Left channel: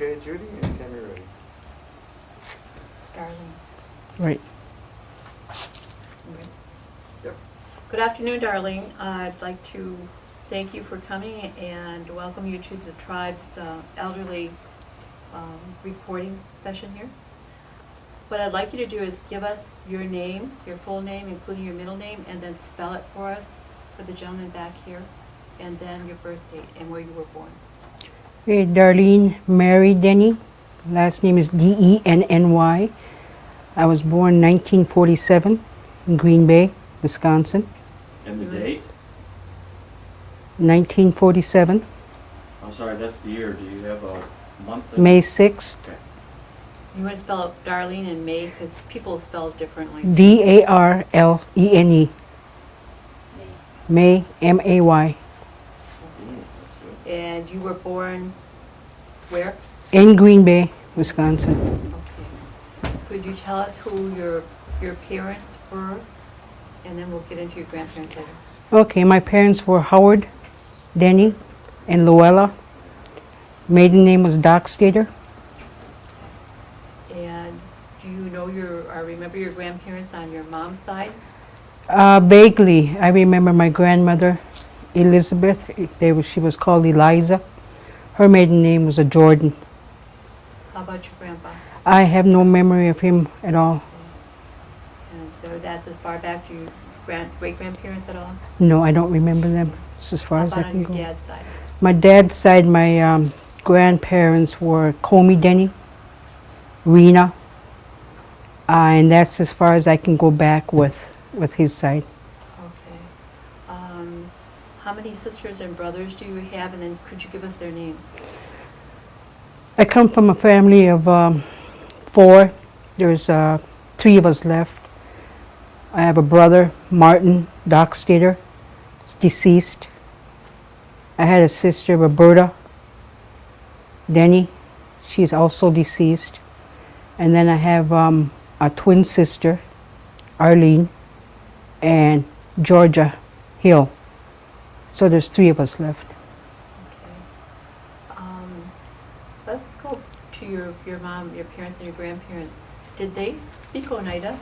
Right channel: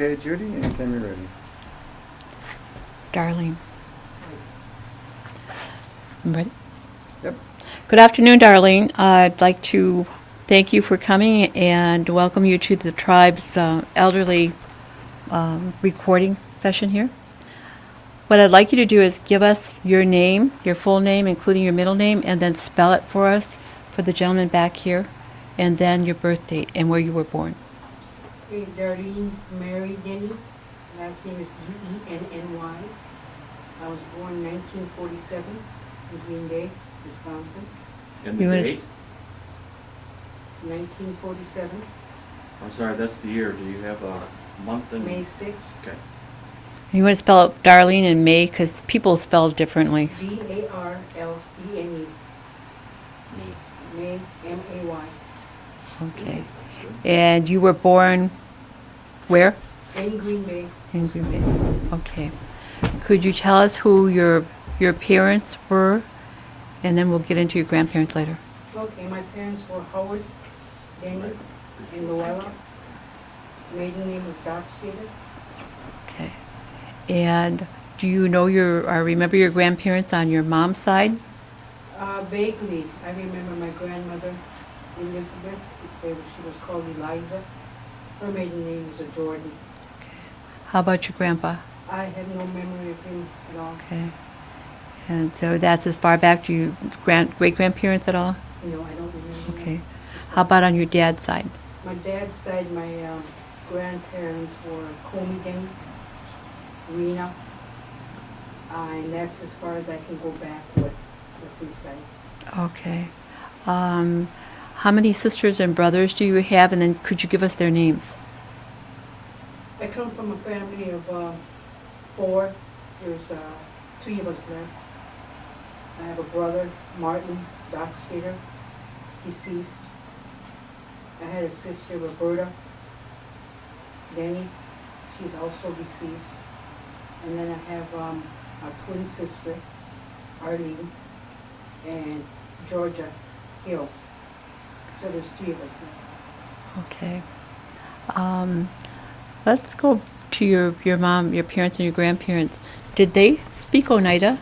Okay, Judy, anytime you're ready. Darlene. Right. Ready? Yep. Good afternoon, Darlene. I'd like to thank you for coming and welcome you to the tribe's elderly recording session here. What I'd like you to do is give us your name, your full name, including your middle name, and then spell it for us for the gentleman back here, and then your birth date and where you were born. Okay, Darlene Mae Denny. Last name is Denny. I was born 1947 in Green Bay, Wisconsin. And You the was- date? 1947, I'm sorry, that's the year. Do you have a month? May 6th. Okay. You want to spell out Darlene and May because people spell differently. Darlene. May, May. Okay. And you were born where? In Green Bay, In Green Bay. Wisconsin. Okay. Could you tell us who your parents were? And then we'll get into your grandparents later. Okay, my parents were Howard Denny and Luella. Maiden name was Dockstader. Okay. And do you know remember your grandparents on your mom's side? Vaguely, I remember my grandmother, Elizabeth. She was called Eliza. Her maiden name was a Jordan. How about your grandpa? I have no memory of him at all. Okay. And so that's as far back, do you great-grandparents at all? No, I don't remember them. Okay. It's as far How as about I on can your go. dad's side? My dad's side, my grandparents were Comey Denny, Rena, and that's as far as I can go back with his side. Okay. How many sisters and brothers do you have? And then could you give us their names? I come from a family of 4. There's 3 of us left. I have a brother, Martin Dockstader, deceased. I had a sister, Roberta Denny. She's also deceased. And then I have a twin sister, Arlene, and Georgia Hill. So there's 3 of us left. Okay. Let's go to your mom, your parents, and your grandparents. Did they speak Oneida?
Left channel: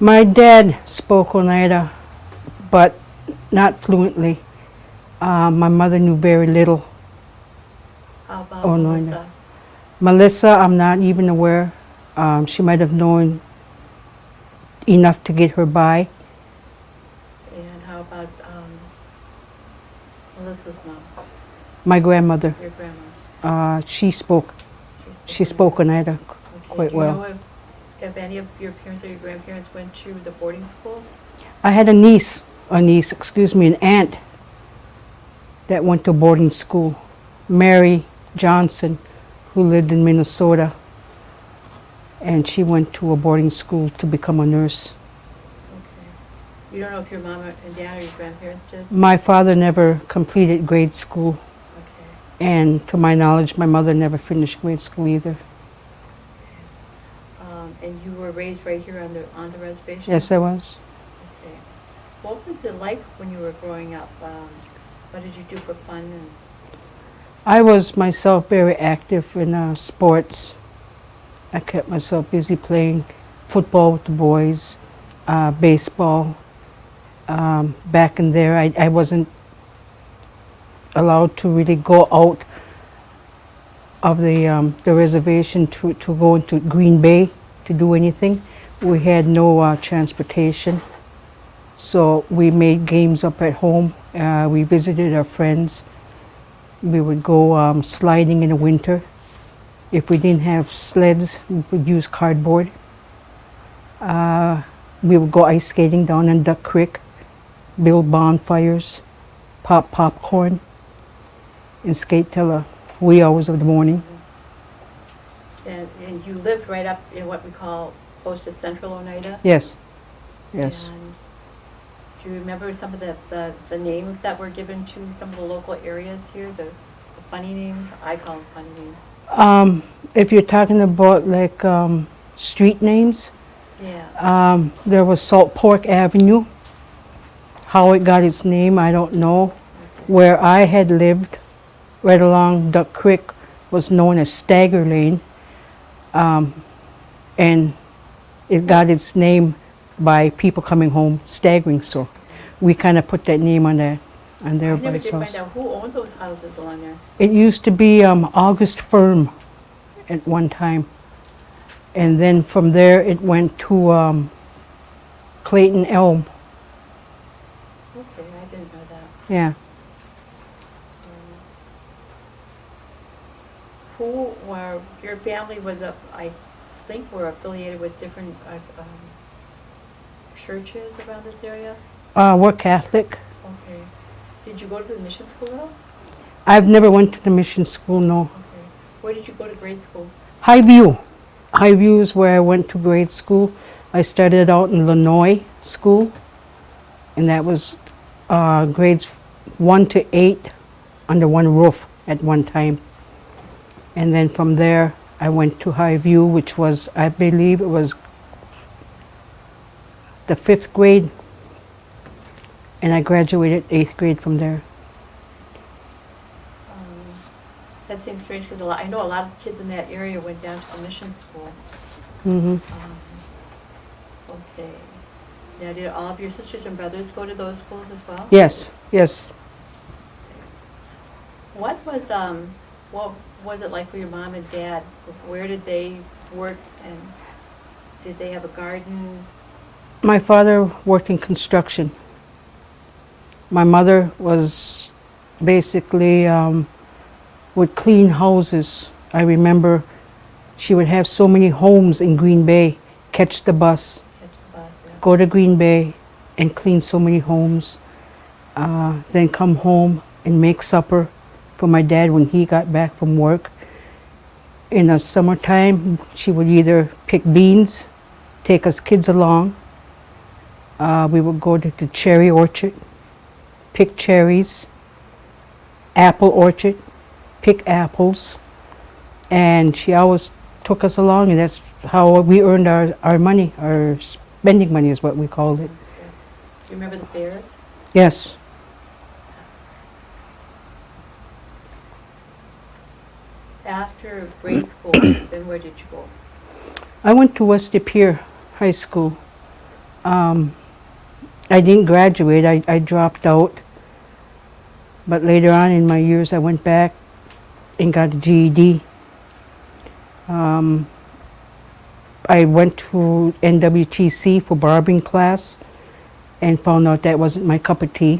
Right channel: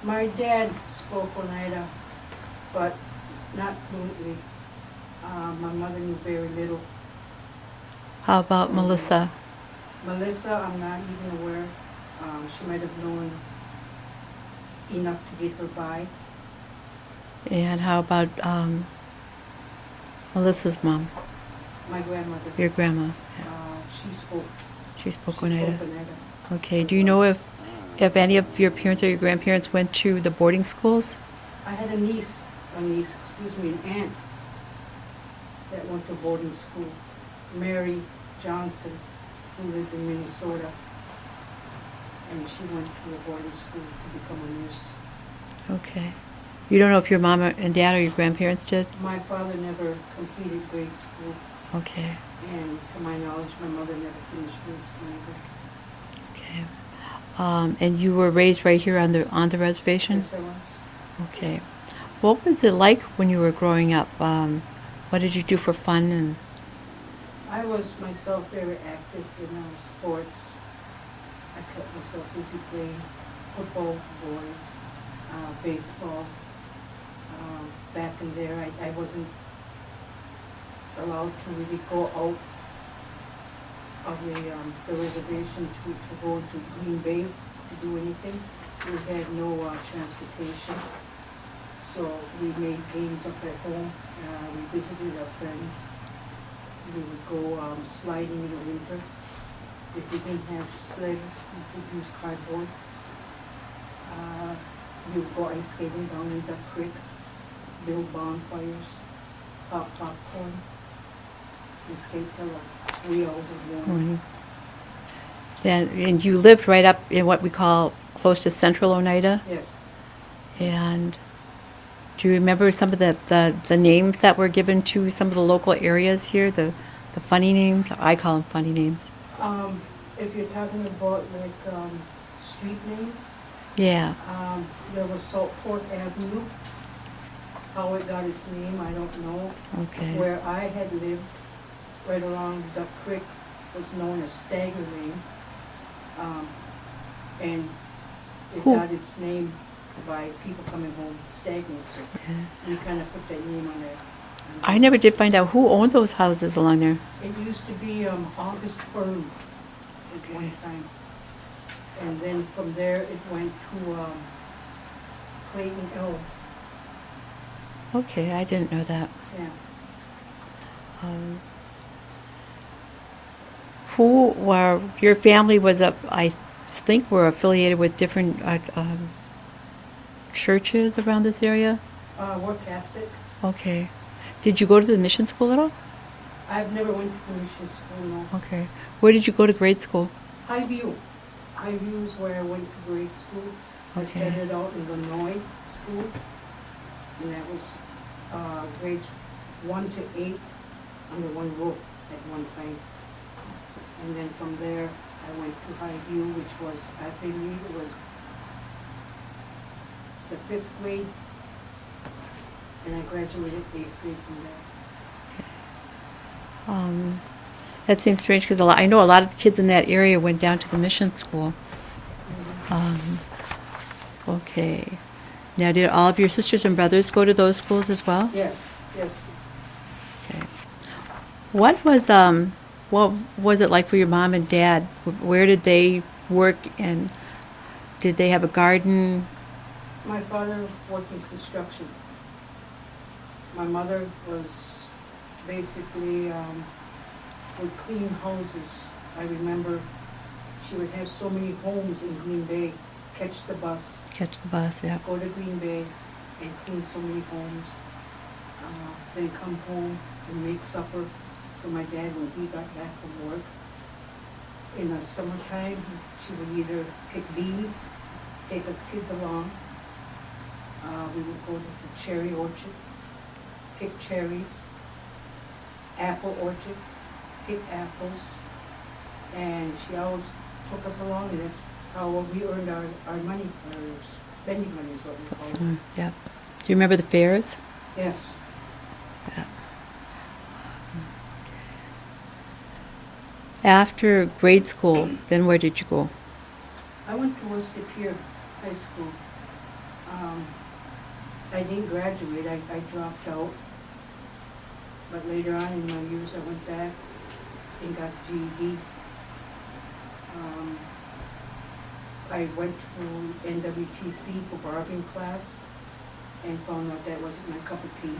My dad spoke Oneida, but not fluently. My mother knew very little. How about Oneida. Melissa? Melissa, I'm not even aware. She might have known enough to get her by. And how about Melissa's mom, My grandmother, your grandma? she spoke. She spoke Oneida. Okay. quite Do you well. know if any of your parents or your grandparents went to the boarding schools? I had an aunt that went to boarding school, Mary Johnson, who lived in Minnesota, and she went to a boarding school to become a nurse. Okay. You don't know if your mom and dad or your grandparents did? My father never completed grade school, Okay. and to my knowledge, my mother never finished grade school either. Okay. And you were raised right here on the reservation? Yes, I was. Okay. What was it like when you were growing up? What did you do for fun? And I was myself very active in sports. I kept myself busy playing football with the boys, baseball. Back in there, I wasn't allowed to really go out of the reservation to go into Green Bay to do anything. We had no transportation, so we made games up at home. We visited our friends. We would go sliding in the winter. If we didn't have sleds, we would use cardboard. We would go ice skating down in Duck Creek, build bonfires, pop popcorn, and skate till the wee hours of the morning. and you lived right up in what we call close to Central Oneida? Yes. Yes. And do you remember some of the names that were given to some of the local areas here, the funny names? I call them funny names. If you're talking about like street names, Yeah. there was Salt Pork Avenue. How it got its name, I don't know. Okay. Where I had lived, right along Duck Creek, was known as Stagger Lane, and it got its name by people coming home staggering. So we kind of put that name on that. I never did find out who owned those houses along there. It used to be August Firm at one time, and then from there it went to Clayton Elm. Okay, I didn't know that. Yeah. Who were, your family was I think were affiliated with different churches around this area? We're Catholic. Okay. Did you go to the mission school at all? I've never went to the mission school, no. Okay. Where did you go to grade school? Highview. Highview is where I went to grade school. I started out in Illinois school, and that was grades 1 to 8 under one roof at one time. And then from there, I went to Highview, which was, I believe it was the 5th grade, and I graduated 8th grade from there. That seems strange because I know a lot of the kids in that area went down to the mission school. Hmm. Okay. Now, did all of your sisters and brothers go to those schools as well? Yes, yes. Okay. What was it like for your mom and dad? Where did they work, and did they have a garden? My father worked in construction. My mother was basically would clean houses. I remember she would have so many homes in Green Bay, catch the bus, Yeah. go to Green Bay and clean so many homes, then come home and make supper for my dad when he got back from work. In the summertime, she would either pick beans, take us kids along. We would go to the cherry orchard, pick cherries, apple orchard, pick apples, and she always took us along, and that's how we earned our money. Our spending money is what we called it. Yeah. Do you remember the fairs? Yes. After grade school, then where did you go? I went to West De Pere High School. I didn't graduate. I dropped out. But later on in my years, I went back and got a GED. I went to NWTC for barbering class and found out that wasn't my cup of tea.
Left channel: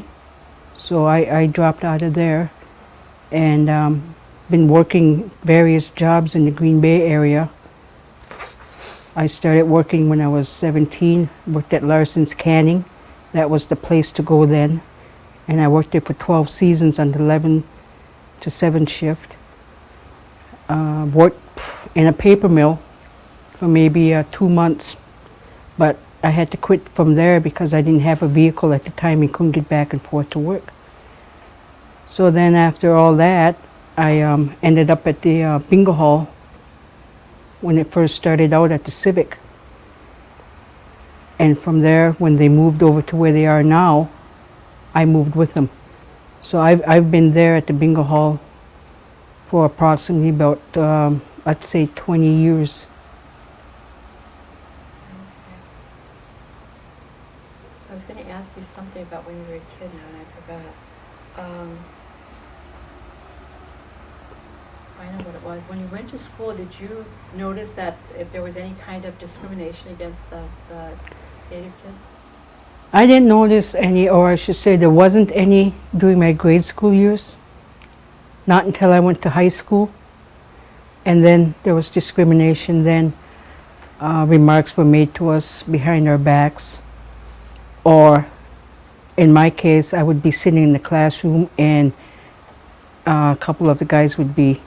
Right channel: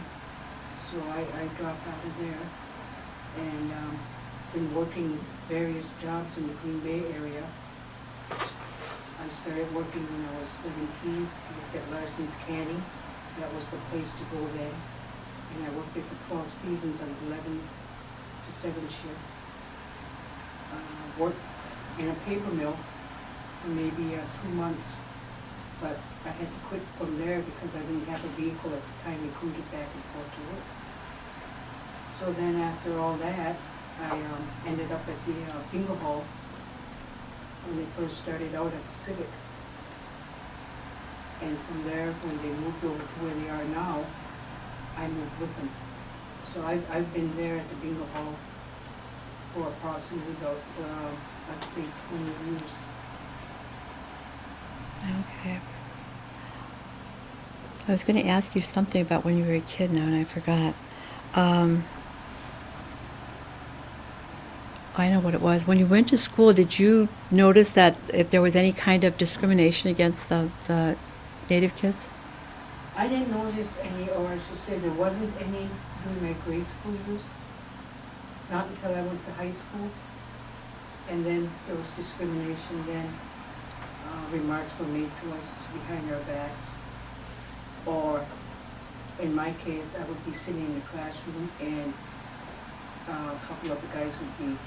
So I dropped out of there and been working various jobs in the Green Bay area. I started working when I was 17, worked at Larson's Canning. That was the place to go then. And I worked there for 12 seasons on the 11 to 7 shift. Worked in a paper mill for maybe 2 months, but I had to quit from there because I didn't have a vehicle at the time and couldn't get back and forth to work. So then after all that, I ended up at the bingo hall when it first started out at the Civic. And from there, when they moved over to where they are now, I moved with them. So I've been there at the bingo hall for approximately about, I'd say 20 years. Okay. I was going to ask you something about when you were a kid now, and I forgot. I know what it was. When you went to school, did you notice that if there was any kind of discrimination against the Native kids? I didn't notice any, or I should say there wasn't any during my grade school years. Not until I went to high school. And then there was discrimination then. Remarks were made to us behind our backs. Or, in my case, I would be sitting in the classroom and a couple of the guys would be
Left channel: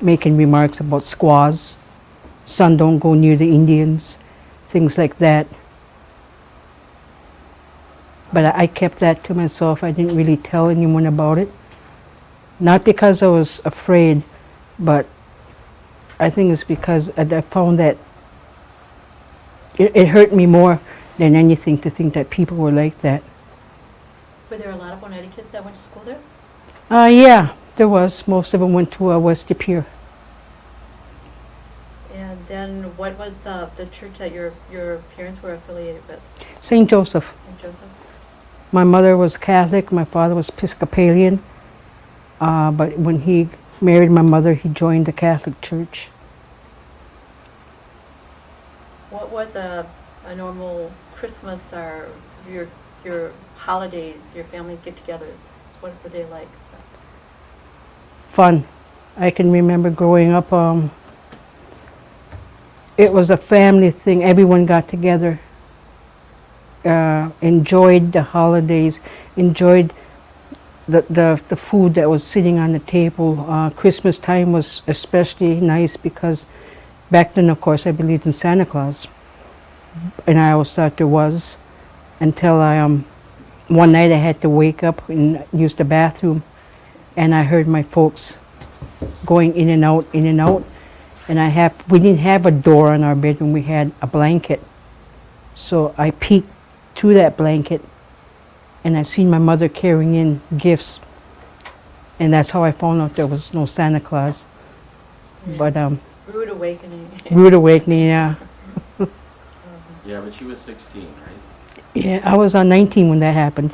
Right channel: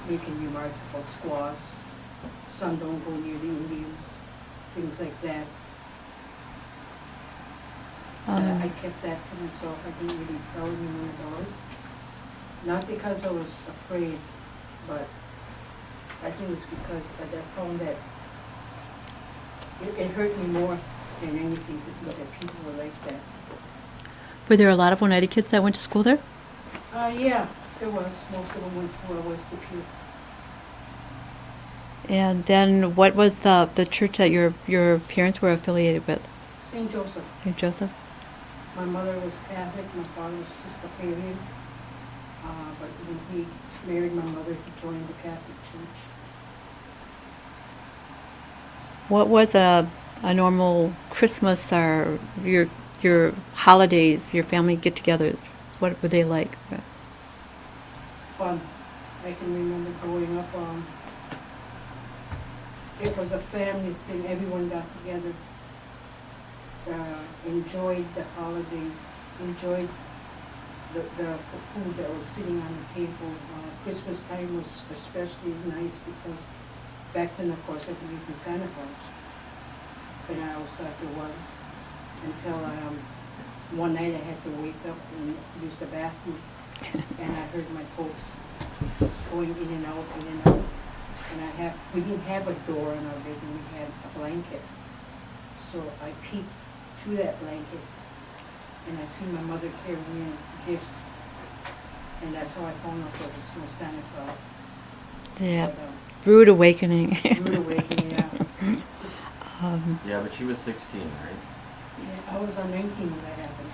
making remarks about squaws. Son, don't go near the Indians. Things like that. But I kept that to myself. I didn't really tell anyone about it. Not because I was afraid, but I think it's because I found that it hurt me more than anything to think that people were like that. Were there a lot of Oneida kids that went to school there? Yeah, There was. Most of them went to West De Pere. And then what was the church that your parents were affiliated with? St. Joseph. St. Joseph? My mother was Catholic. My father was Episcopalian. But when he married my mother, he joined the Catholic Church. What was a normal Christmas or your holidays, your family get-togethers? What were they like? Fun. I can remember growing up, it was a family thing. Everyone got together, enjoyed the holidays, enjoyed the food that was sitting on the table. Christmas time was especially nice because back then, of course, I believed in Santa Claus. And I always thought there was, until one night I had to wake up and use the bathroom, and I heard my folks going in and out, in and out. And we didn't have a door on our bedroom, we had a blanket. So I peeked through that blanket, and I seen my mother carrying in gifts. And that's how I found out there was no Santa Claus. Yeah. But Rude awakening. rude awakening, yeah. Yeah, but she was 16, right? Yeah, I was 19 when that happened.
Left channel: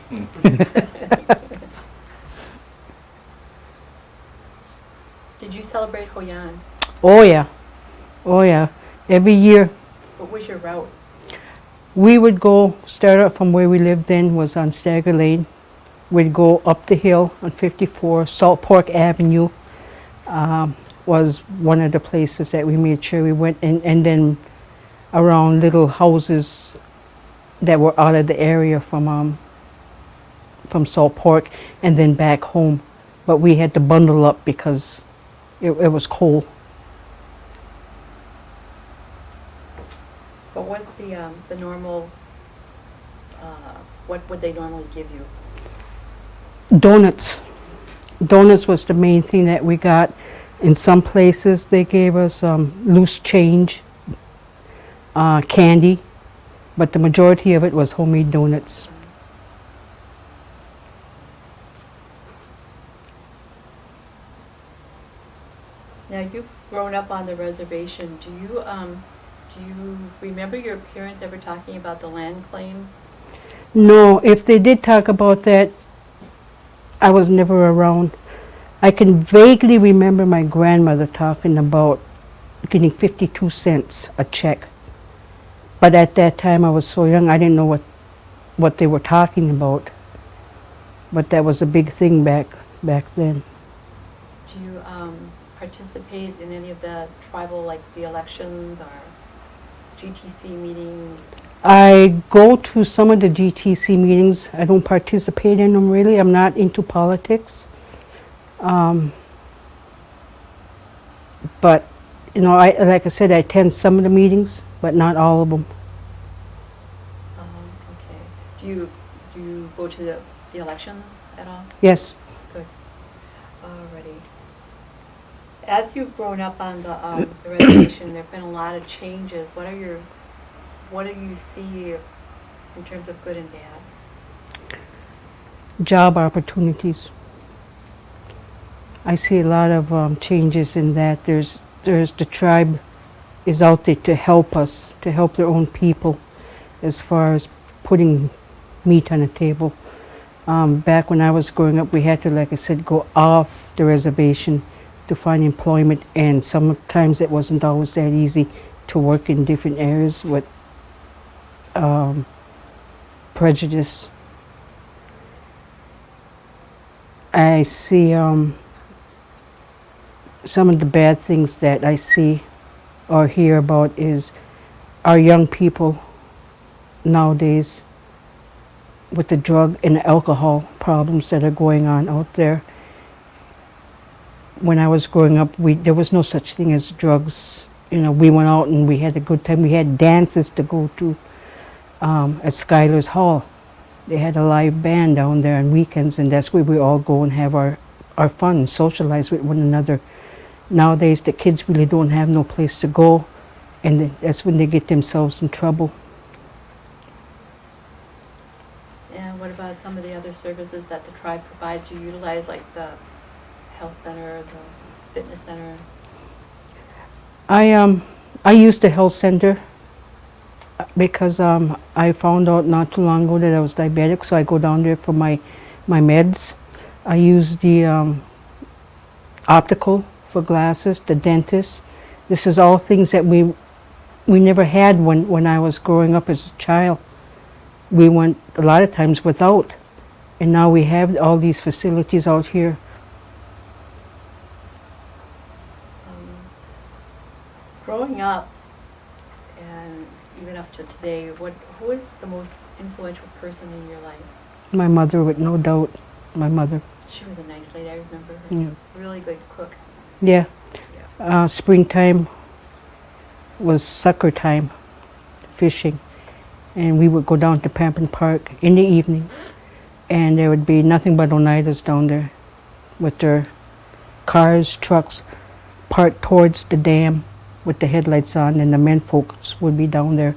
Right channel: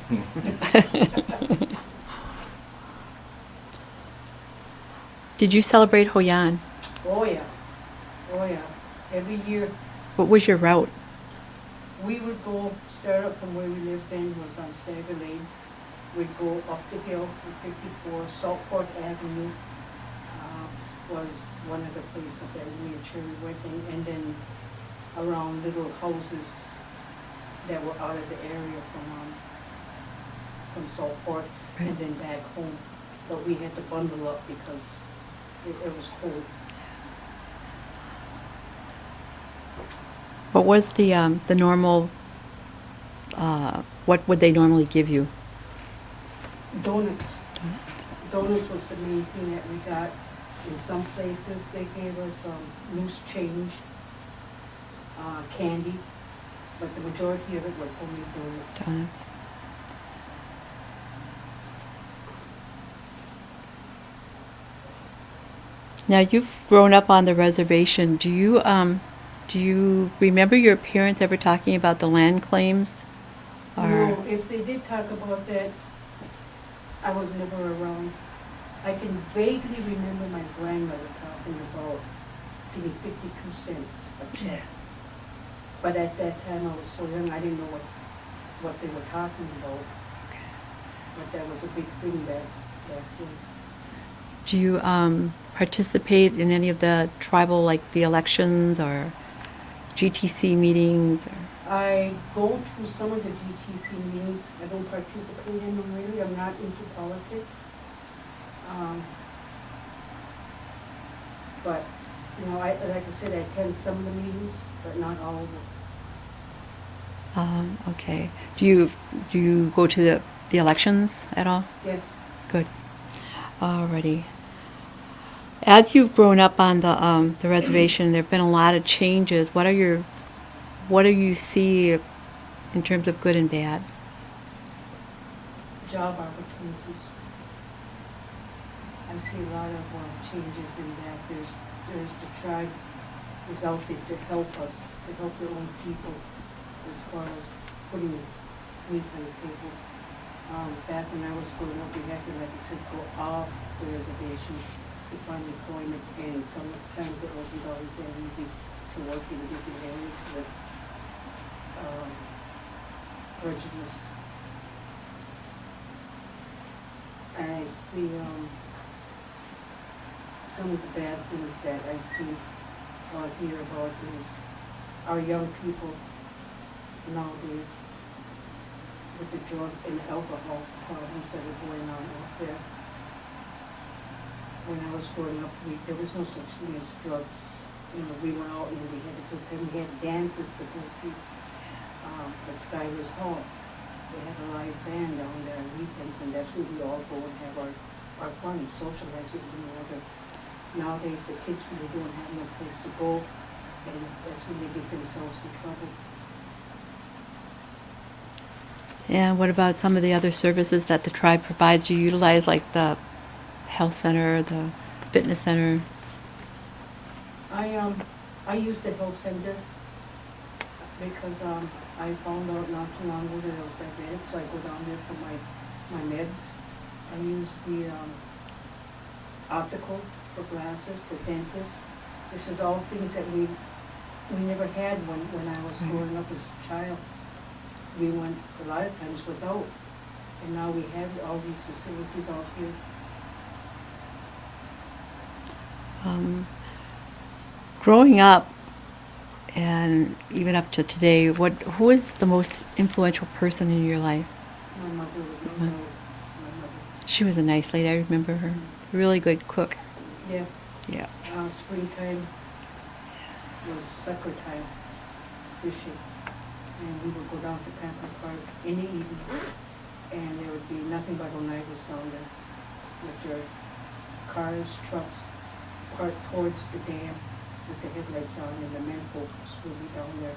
Did you celebrate Hoyan? Oh yeah, oh yeah. Every year What was your route? we would start out from where we lived then, was on Stagger Lane. We'd go up the hill on 54. Salt Pork Avenue was one of the places that we made sure we went, and then around little houses that were out of the area from Salt Pork, and then back home. But we had to bundle up because it was cold. What was the normal? What would they normally give you? Donuts. Donuts was the main thing that we got. In some places they gave us loose change, candy, but the majority of it was homemade donuts. Now you've grown up on the reservation. Do you remember your parents ever talking about the land claims? No, if they did talk about that, I was never around. I can vaguely remember my grandmother talking about getting 52 cents a check. But at that time I was so young, I didn't know what they were talking about. But that was a big thing back then. Do you participate in any of the tribal, like the elections or GTC meetings? I go to some of the GTC meetings. I don't participate in them really. I'm not into politics. But, like I said, I attend some of the meetings, but not all of them. Okay. Do you go to the elections at all? Yes. Good. Alrighty. As you've grown up on the reservation, there have been a lot of changes. What do you see in terms of good and bad? Job opportunities. I see a lot of changes in that. There's the tribe is out there to help us, to help their own people, as far as putting meat on the table. Back when I was growing up, we had to, like I said, go off the reservation to find employment, and sometimes it wasn't always that easy to work in different areas with prejudice. I see some of the bad things that I see or hear about is our young people nowadays with the drug and alcohol problems that are going on out there. When I was growing up, there was no such thing as drugs. We went out and we had a good time. We had dances to go to at Schuyler's Hall. They had a live band down there on weekends, and that's where we all go and have our fun, socialize with one another. Nowadays, the kids really don't have no place to go, and that's when they get themselves in trouble. Yeah, what about some of the other services that the tribe provides? You utilize like the health center, the fitness center? I used the health center because I found out not too long ago that I was diabetic, so I go down there for my meds. I use the optical for glasses, the dentist. This is all things that we never had when I was growing up as a child. We went a lot of times without, and now we have all these facilities out here. Growing up, and even up to today, who is the most influential person in your life? My mother, with no doubt, my mother. She was a nice lady. I remember her. Yeah. Really good cook. Yeah. Yeah. Springtime was sucker time, fishing, and we would go down to Pamplin Park in the evening, and there would be nothing but Oneidas down there with their cars, trucks parked towards the dam with the headlights on, and the men folks would be down there,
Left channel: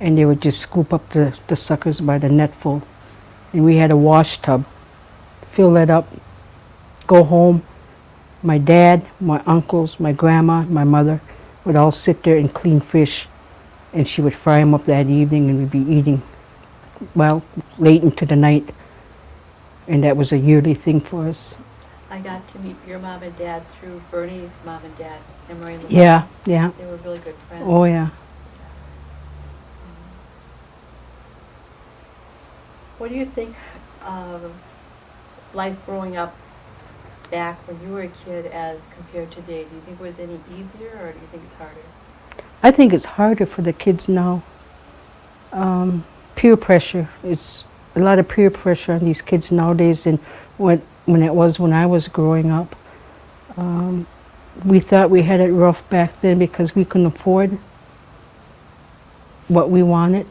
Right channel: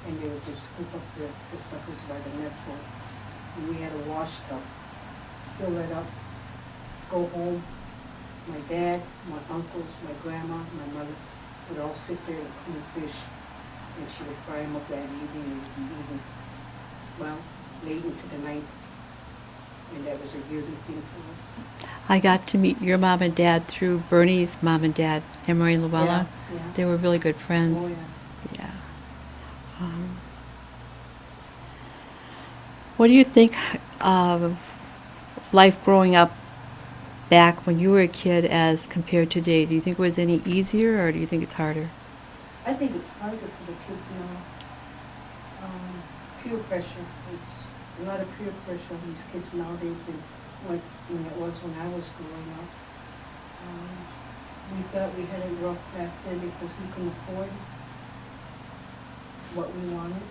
and they would just scoop up the suckers by the net full. And we had a wash tub, fill that up, go home. My dad, my uncles, my grandma, my mother would all sit there and clean fish, and she would fry them up that evening, and we'd be eating, well, late into the night. And that was a yearly thing for us. I got to meet your mom and dad through Bernie's mom and dad, Emery and Lamar. Yeah, yeah. They were really good friends. Oh, yeah. Yeah. What do you think of life growing up back when you were a kid as compared to today? Do you think it was any easier, or do you think it's harder? I think it's harder for the kids now. Peer pressure. It's a lot of peer pressure on these kids nowadays than when it was when I was growing up. We thought we had it rough back then because we couldn't afford what we wanted.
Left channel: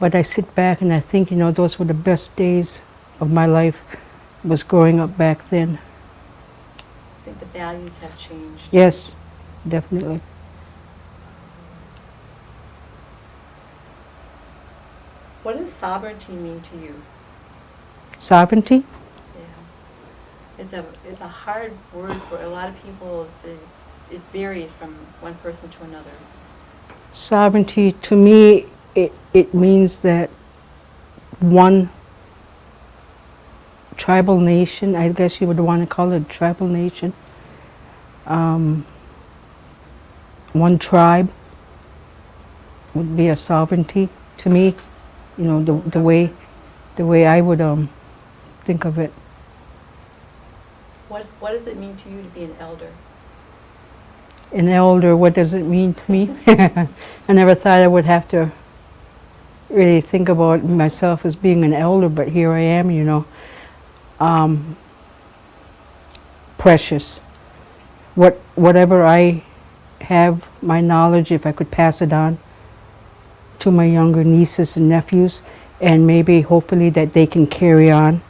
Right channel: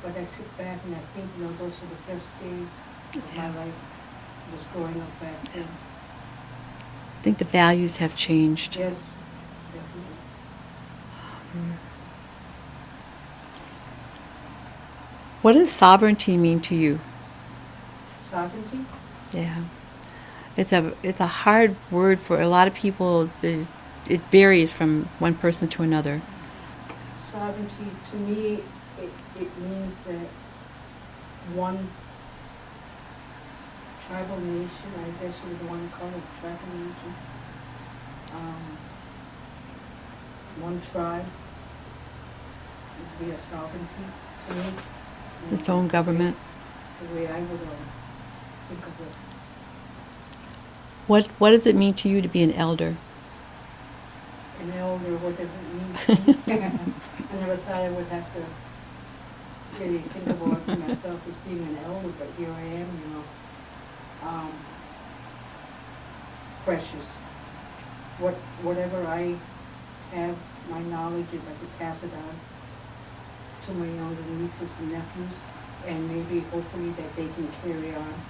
But I sit back and I think, those were the best days of my life, was growing up back then. I think the values have changed. Yes, definitely. What does sovereignty mean to you? Sovereignty? Yeah. It's a hard word for a lot of people. It varies from one person to another. Sovereignty, to me, it means that one tribal nation, I guess you would want to call it a tribal nation, one tribe would be a sovereignty to me, Its own the way government. I would think of it. What does it mean to you to be an elder? An elder, what does it mean to me? I never thought I would have to really think about myself as being an elder, but here I am, precious. Whatever I have, my knowledge, if I could pass it on to my younger nieces and nephews, and maybe hopefully that they can carry on,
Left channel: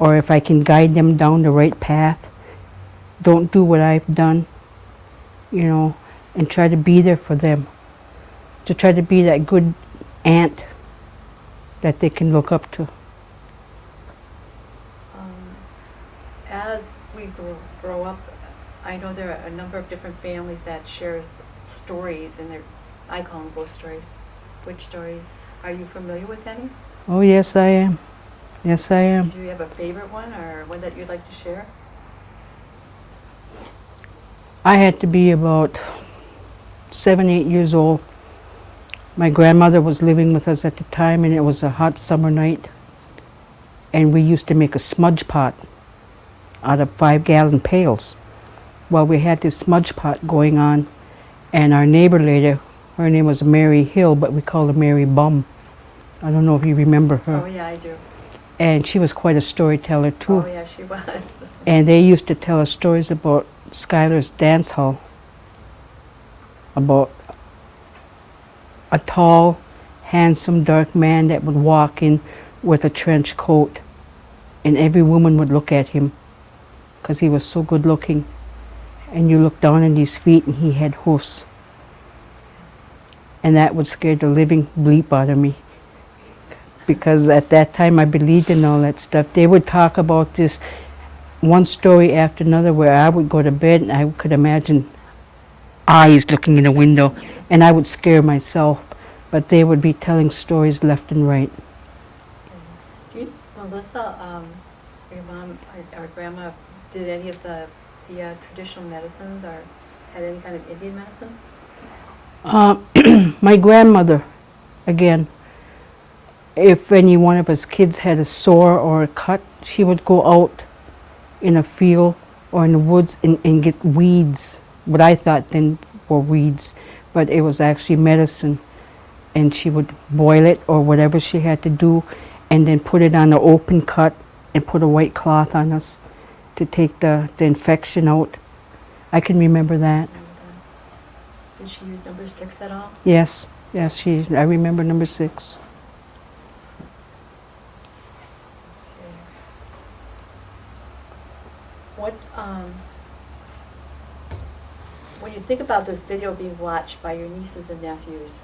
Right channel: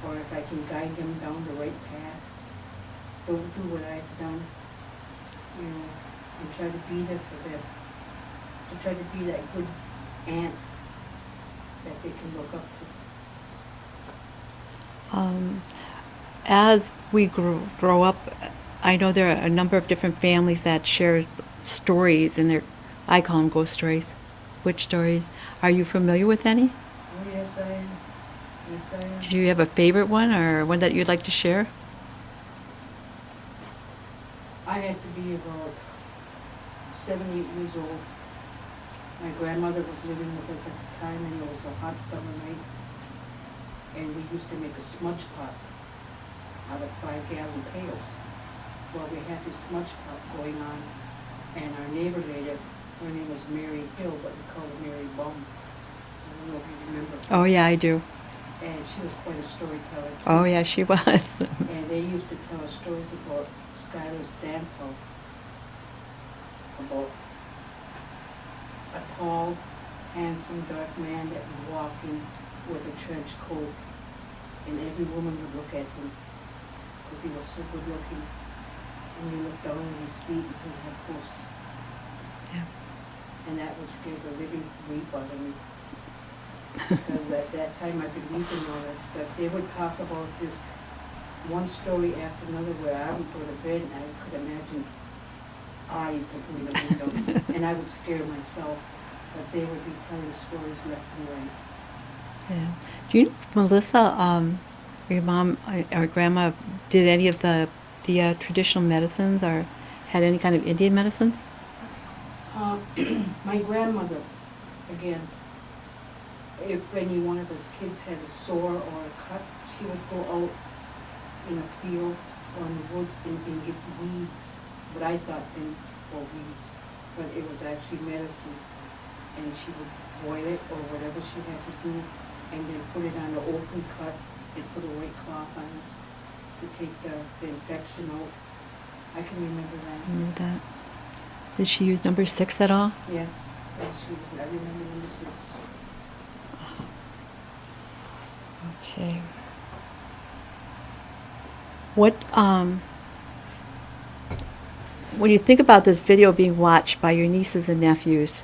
or if I can guide them down the right path, don't do what I've done, and try to be there for them, to try to be that good aunt that they can look up to. As we grow up, I know there are a number of different families that share stories, and I call them ghost stories, witch stories. Are you familiar with any? Oh, yes, I am. Yes, I am. Do you have a favorite one, or one that you'd like to share? I had to be about 7, 8 years old. My grandmother was living with us at the time, and it was a hot summer night. And we used to make a smudge pot out of 5-gallon pails. Well, we had this smudge pot going on, and our neighbor lady, her name was Mary Hill, but we called her Mary Bum. I don't know if you remember her. Oh, yeah, I do. And she was quite a storyteller, too. Oh, yeah, she was. And they used to tell us stories about Schuyler's dance hall, about a tall, handsome, dark man that would walk in with a trench coat, and every woman would look at him because he was so good looking. And you look down at his feet and he had hoofs. Yeah. And that would scare the living bleep out of me, because at that time I believed in all that stuff. They would talk about this one story after another where I would go to bed and I could imagine eyes looking in the window and I would scare myself. But they would be telling stories left and right. Yeah. Do you, Melissa, your mom or grandma did any of the traditional medicines or had any kind of Indian medicine? My grandmother, again, if any one of us kids had a sore or a cut, she would go out in a field or in the woods and get weeds, what I thought then were weeds, but it was actually medicine. And she would boil it or whatever she had to do and then put it on an open cut and put a white cloth on us to take the infection out. I can remember that. Remember that? Did she use number 6 at all? Yes, yes, I remember number 6. Okay. What, when you think about this video being watched by your nieces and nephews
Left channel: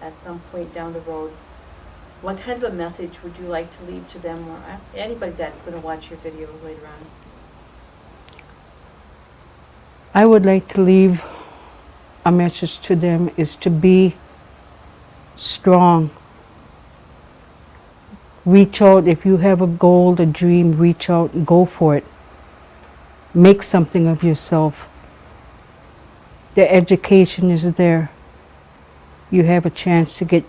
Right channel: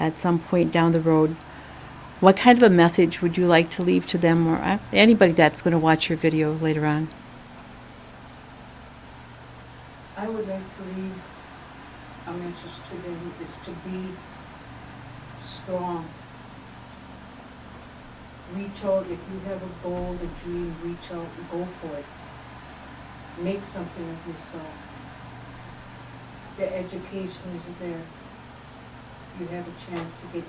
at some point down the road, what kind of a message would you like to leave to them or anybody that's going to watch your video later on? I would like to leave a message to them is to be strong. Reach out. If you have a goal, a dream, reach out and go for it. Make something of yourself. The education is there. You have a chance to get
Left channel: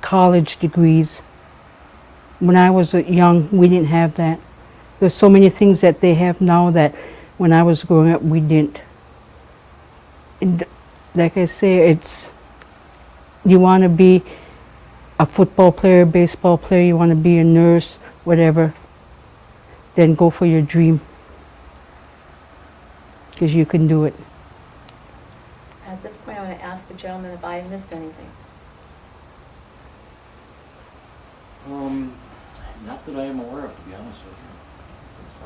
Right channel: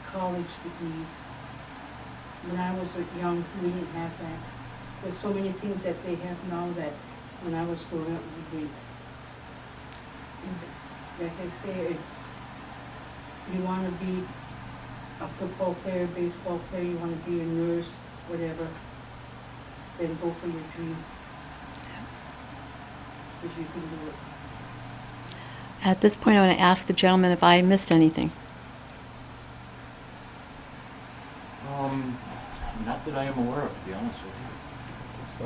college degrees. When I was young, we didn't have that. There's so many things that they have now that when I was growing up, we didn't. And like I say, you want to be a football player, baseball player, you want to be a nurse, whatever, then go for your dream. Because you can do it. At this point, I want to ask the gentleman if I missed anything. Not that I am aware of, to be honest with you. So.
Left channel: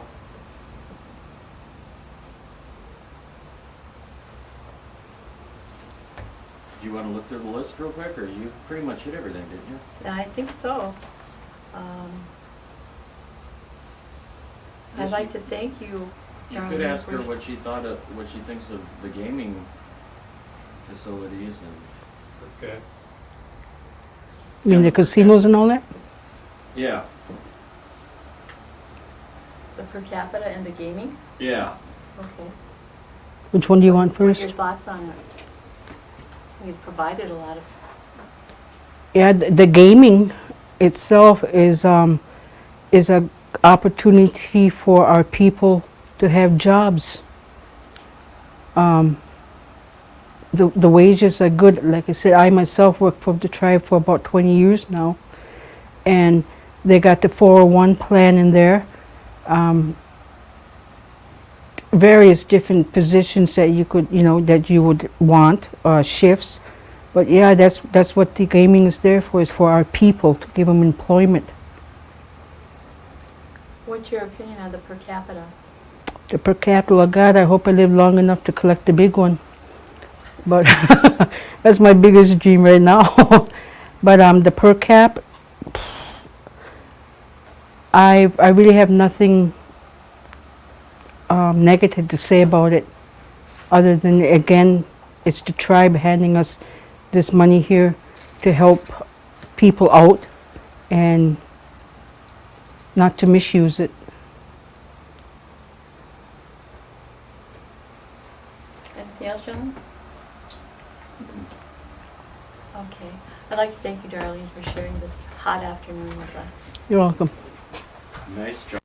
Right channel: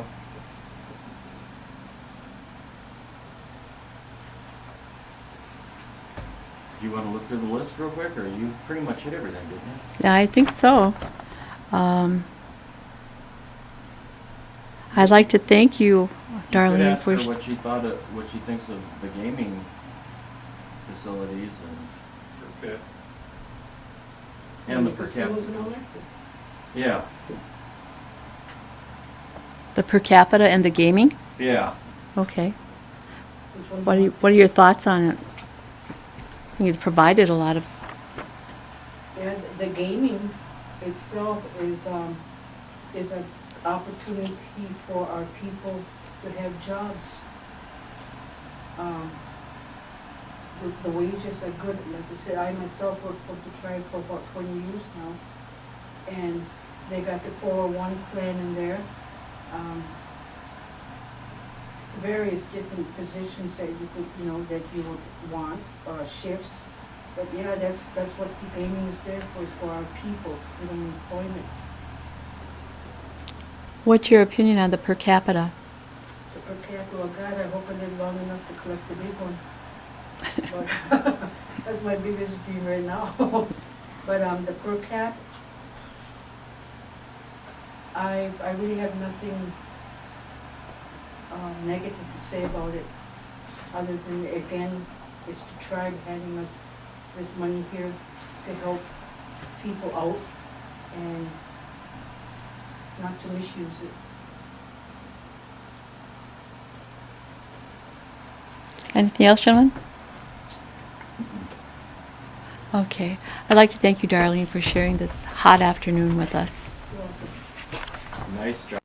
You want to look through the list real quick, or you pretty much hit everything, didn't you? Yeah, I think so. I'd like to thank you, Could Darlene, ask her for... what she thinks of the gaming facilities and. Okay. You mean the casinos and all that? Yeah. The per capita and the gaming? Yeah. Okay. Which one do you want first? What are your thoughts on it? You've provided a lot of... Yeah, the gaming itself is a opportunity for our people to have jobs. The wages are good. Like I said, I myself work for the tribe for about 20 years now, and they got the 401 plan in there. Various different positions that you could, that you would want, shifts. But yeah, that's what the gaming is there for, is for our people, to give them employment. What's your opinion on the per capita? The per capita, God, I hope I live long enough to collect the big one. But that's my biggest dream right now. But the per cap, I really have nothing negative to say about it, other than, again, it's the tribe handing us this money here to help people out and not to misuse it. Anything else, gentlemen? Okay. I'd like to thank you, Darlene, for sharing this hot afternoon with us. You're welcome. Nice job.